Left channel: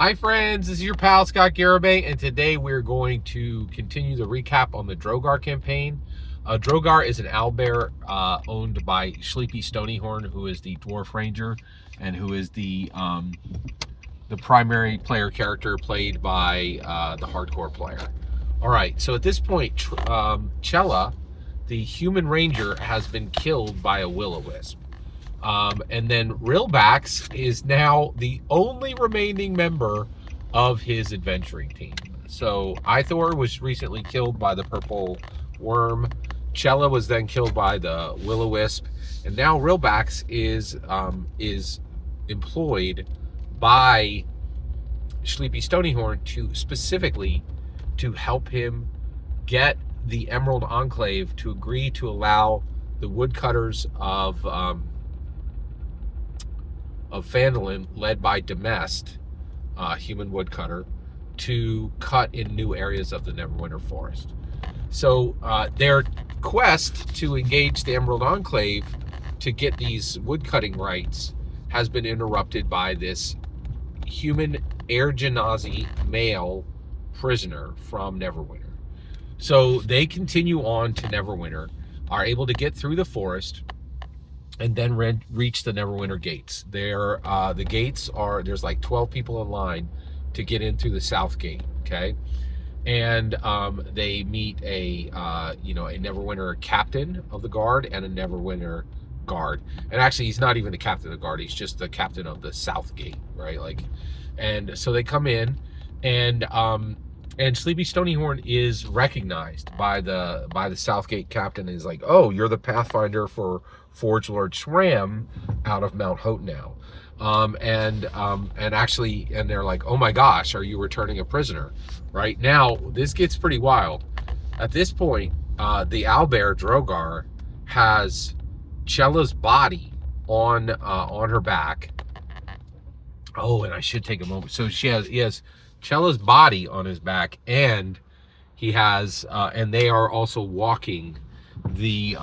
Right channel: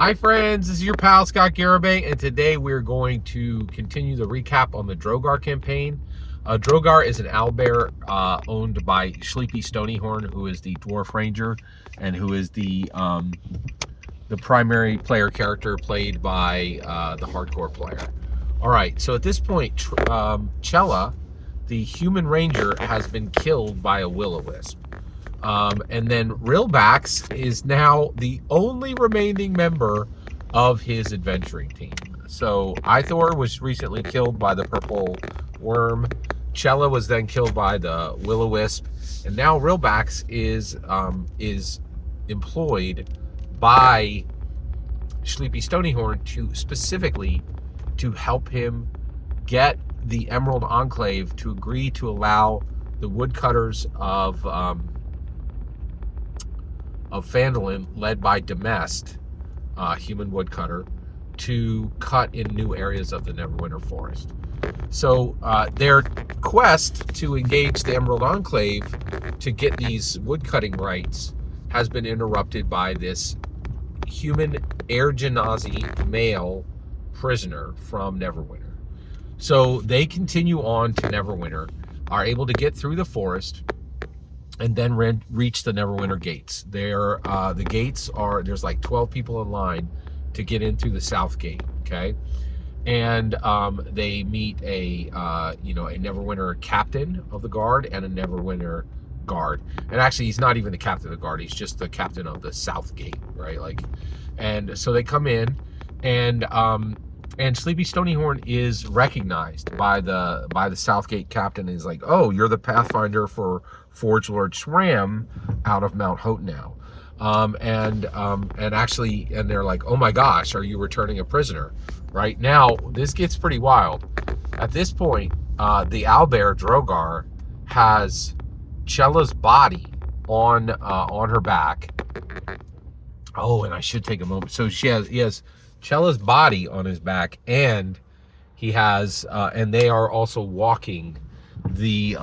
Hi friends, this is your pal Scott Garibay, and today we're going to continue the recap on the Drogar campaign. Drogar is an owlbear owned by Sleepy Stonyhorn, who is the dwarf ranger, and who is the primary player character played by the hardcore player. All right, so at this point, Chella, the human ranger, has been killed by a will-o-wisp. And then Rilbax is now the only remaining member of his adventuring team. So Ithor was recently killed by the purple worm. Chella was then killed by the will-o-wisp, and now Rilbax is employed by Sleepy Stonyhorn specifically to help him get the Emerald Enclave to agree to allow the woodcutters of Phandalin, led by Demest, human woodcutter, to cut in new areas of the Neverwinter Forest. So their quest to engage the Emerald Enclave to get these woodcutting rights has been interrupted by this human Air Genasi male prisoner from Neverwinter. So they continue on to Neverwinter, are able to get through the forest, and then reach the Neverwinter gates. The gates are, there's like 12 people in line to get in through the south gate, okay? And they meet a Neverwinter captain of the guard and a Neverwinter guard. And actually, he's not even the captain of the guard, he's just the captain of the south gate, right? And so they come in, and Sleepy Stonyhorn is recognized by the Southgate captain. Is like, oh, you're the Pathfinder for Forge Lord Shram out of Mount Hotenau. And they're like, oh my gosh, are you returning a prisoner? Right now, this gets pretty wild. At this point, the owlbear Drogar has Chella's body on her back. Oh, and I should take a moment. So he has Chella's body on his back, and he has and they are also walking the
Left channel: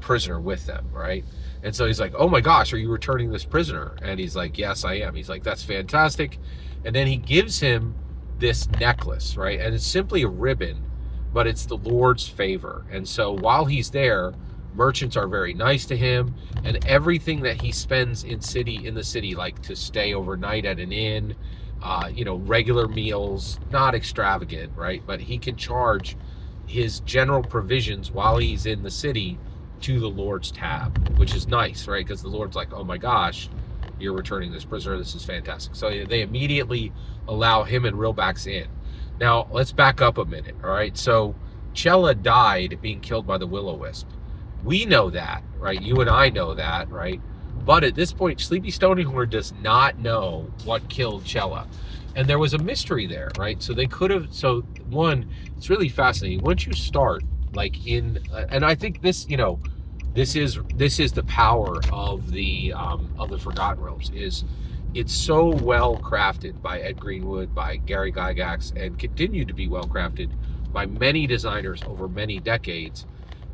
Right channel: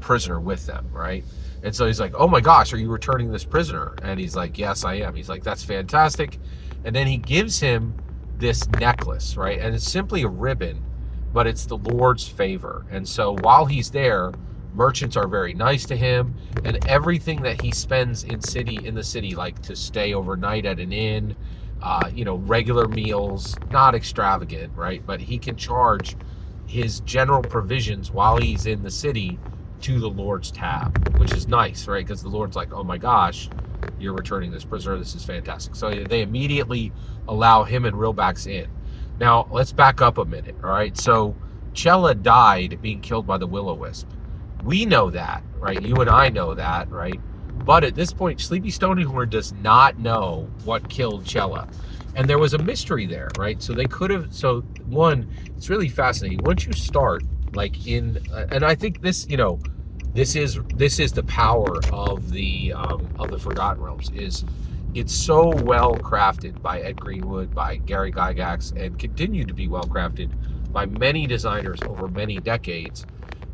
prisoner with them, right? And so he's like, oh my gosh, are you returning this prisoner? And he's like, yes, I am. He's like, that's fantastic. And then he gives him this necklace, right? And it's simply a ribbon, but it's the Lord's favor. And so while he's there, merchants are very nice to him, and everything that he spends in the city, like to stay overnight at an inn, regular meals, not extravagant, right? But he can charge his general provisions while he's in the city to the Lord's tab, which is nice, right? Because the Lord's like, oh my gosh, you're returning this prisoner. This is fantastic. So they immediately allow him and Rilbax in. Now, let's back up a minute, all right? So Chella died being killed by the will-o-wisp. We know that, right? You and I know that, right? But at this point, Sleepy Stonyhorn does not know what killed Chella. And there was a mystery there, right? So they could have, it's really fascinating. Once you start, and I think this, this is the power of the Forgotten Realms, is it's so well crafted by Ed Greenwood, by Gary Gygax, and continued to be well crafted by many designers over many decades,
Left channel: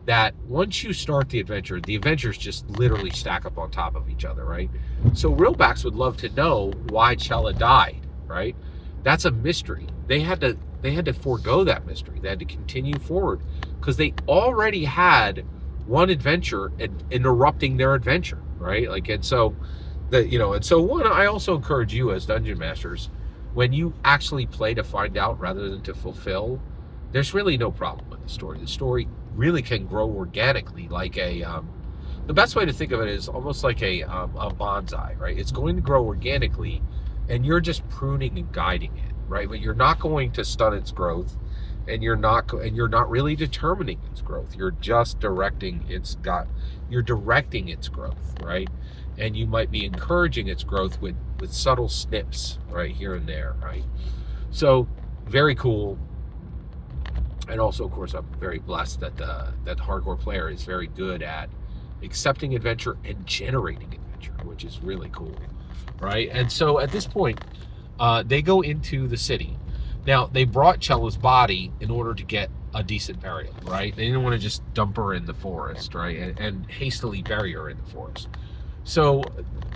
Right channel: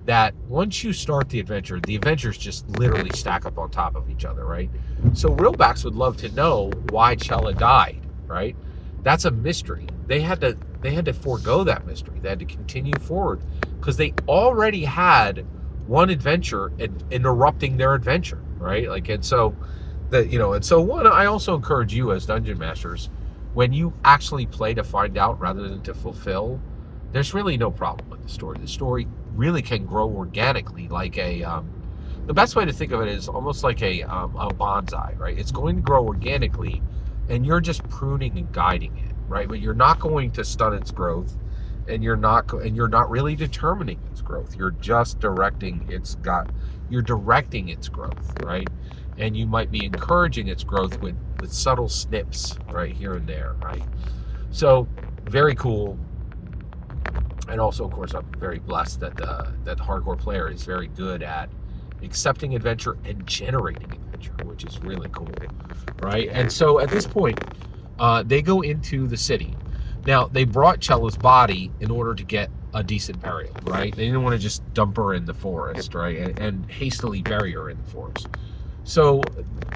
that once you start the adventures just literally stack up on top of each other, right? So Rilbax would love to know why Chella died, right? That's a mystery. They had to forego that mystery. They had to continue forward because they already had one adventure interrupting their adventure, right? I also encourage you as dungeon masters, when you actually play to find out rather than to fulfill, there's really no problem with the story. The story really can grow organically, like the best way to think of it is almost like a bonsai, right? It's going to grow organically, and you're just pruning and guiding it, right? But you're not going to stunt its growth, and you're not really determining its growth. You're just directing its growth, right? And you might be encouraging its growth with subtle snips, right, here and there, right? So very cool. And also, of course, I'm very blessed that that hardcore player is very good at accepting adventure and generating adventure, which is really cool, right? And so at this point, they go into the city. Now, they brought Chella's body in order to get a decent burial, right? They didn't want to just dump her in the forest, right? And hastily bury her in the forest. So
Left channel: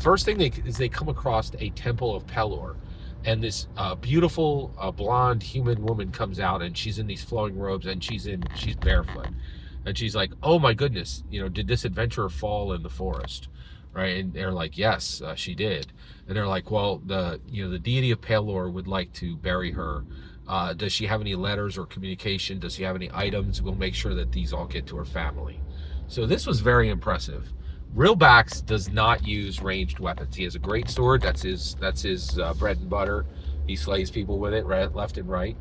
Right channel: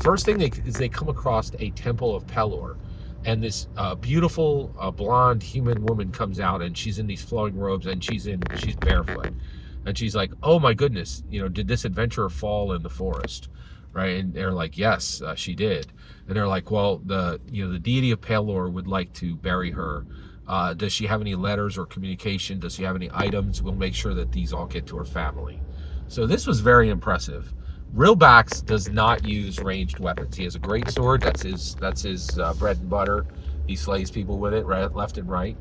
first thing they come across a temple of Pelor, and this beautiful blonde human woman comes out, and she's in these flowing robes, and she's barefoot, and she's like, "Oh my goodness, did this adventurer fall in the forest?" Right? And they're like, "Yes, she did." And they're like, "Well, the deity of Pelor would like to bury her. Does she have any letters or communication? Does she have any items? We'll make sure that these all get to her family." So this was very impressive. Realbax does not use ranged weapons. He has a great sword. That's his bread and butter. He slays people with it, right, left and right.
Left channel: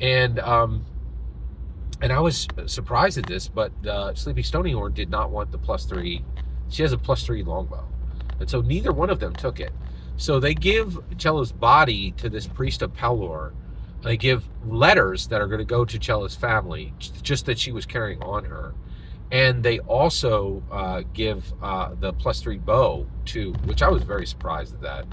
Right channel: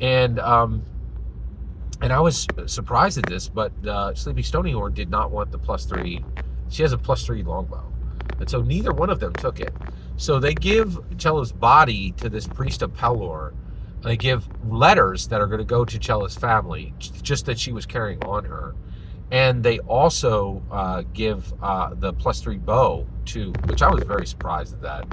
And I was surprised at this, but Sleepy Stoneyhorn did not want the +3. She has a +3 longbow, and so neither one of them took it. So they give Chella's body to this priest of Pelor. They give letters that are going to go to Chella's family, just that she was carrying on her. And they also give the +3 bow to, which I was very surprised at that,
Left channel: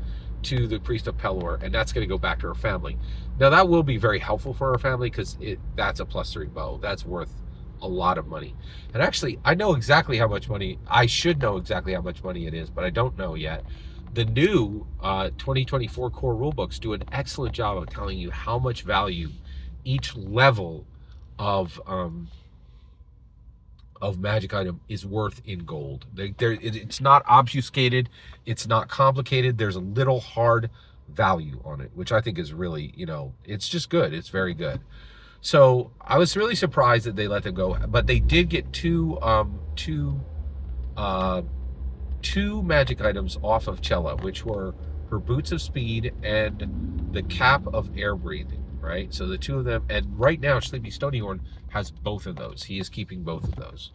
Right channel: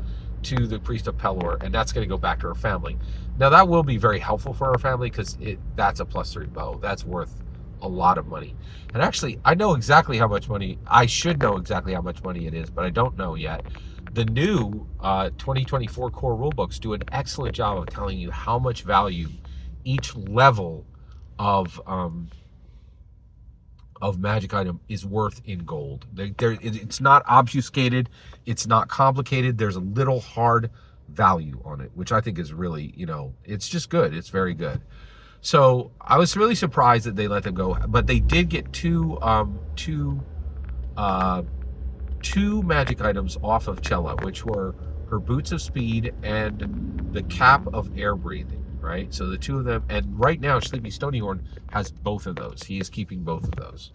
to the priest of Pelor, and that's going to go back to her family. Now that will be very helpful for her family because that's a +3 bow. That's worth a lot of money. And actually, I know exactly how much money. I should know exactly how much money it is, but I don't know yet. The new 2024 core rulebooks do an excellent job of telling you how much value each level of magic item is worth in gold. It's not obfuscated, it's not complicated. There's a little hard value on it, which I think is really, it's just good. It's very good. So I was really surprised that they let them go, but they did get two magic items off of Chella, which were her boots of speed and the cap of air breathing, right? So the two of them, and right now Sleepy Stoneyhorn has both of those. He is keeping both of those.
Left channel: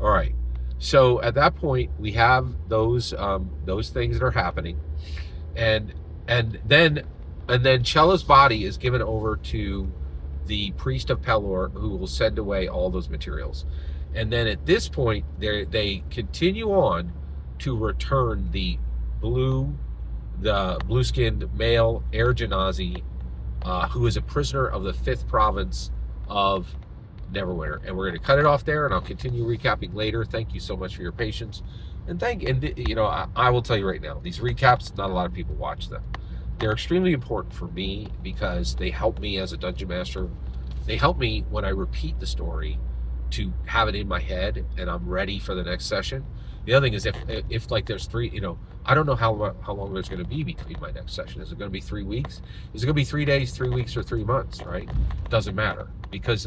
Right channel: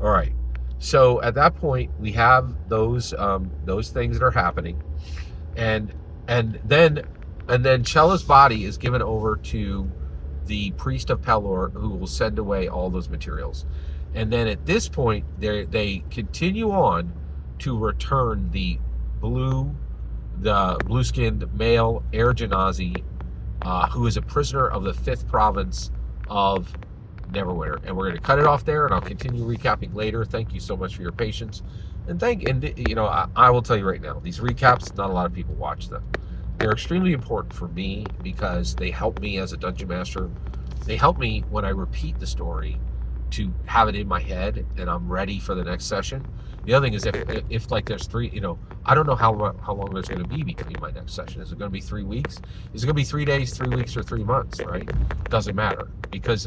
All right. So at that point, we have those things that are happening, and then Chella's body is given over to the priest of Pelor, who will send away all those materials. And then at this point, they continue on to return the blue-skinned male Air Genasi, who is a prisoner of the 5th province of Neverwinter. And we're going to cut it off there, and I'll continue recapping later. Thank you so much for your patience. And I will tell you right now, these recaps, not a lot of people watch them. They're extremely important for me because they help me as a dungeon master. They help me when I repeat the story to have it in my head and I'm ready for the next session. The other thing is if like there's 3, I don't know how long there's going to be between my next session. Is it going to be 3 weeks? Is it going to be 3 days, 3 weeks, or 3 months? Right? Doesn't matter because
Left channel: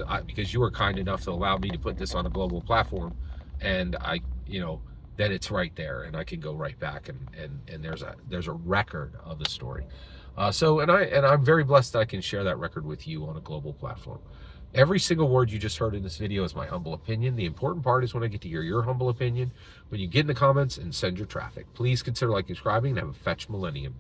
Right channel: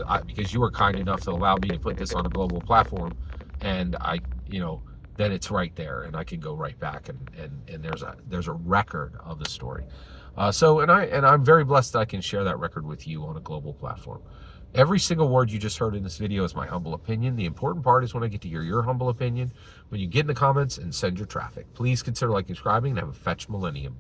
you were kind enough to allow me to put this on a global platform, and then it's right there, and I can go right back and there's a record of the story. I'm very blessed that I can share that record with you on a global platform. Every single word you just heard in this video is my humble opinion. The important part is when I get to hear your humble opinion, when you get in the comments and send your traffic. Please consider liking, subscribing, and have a fetch millennium.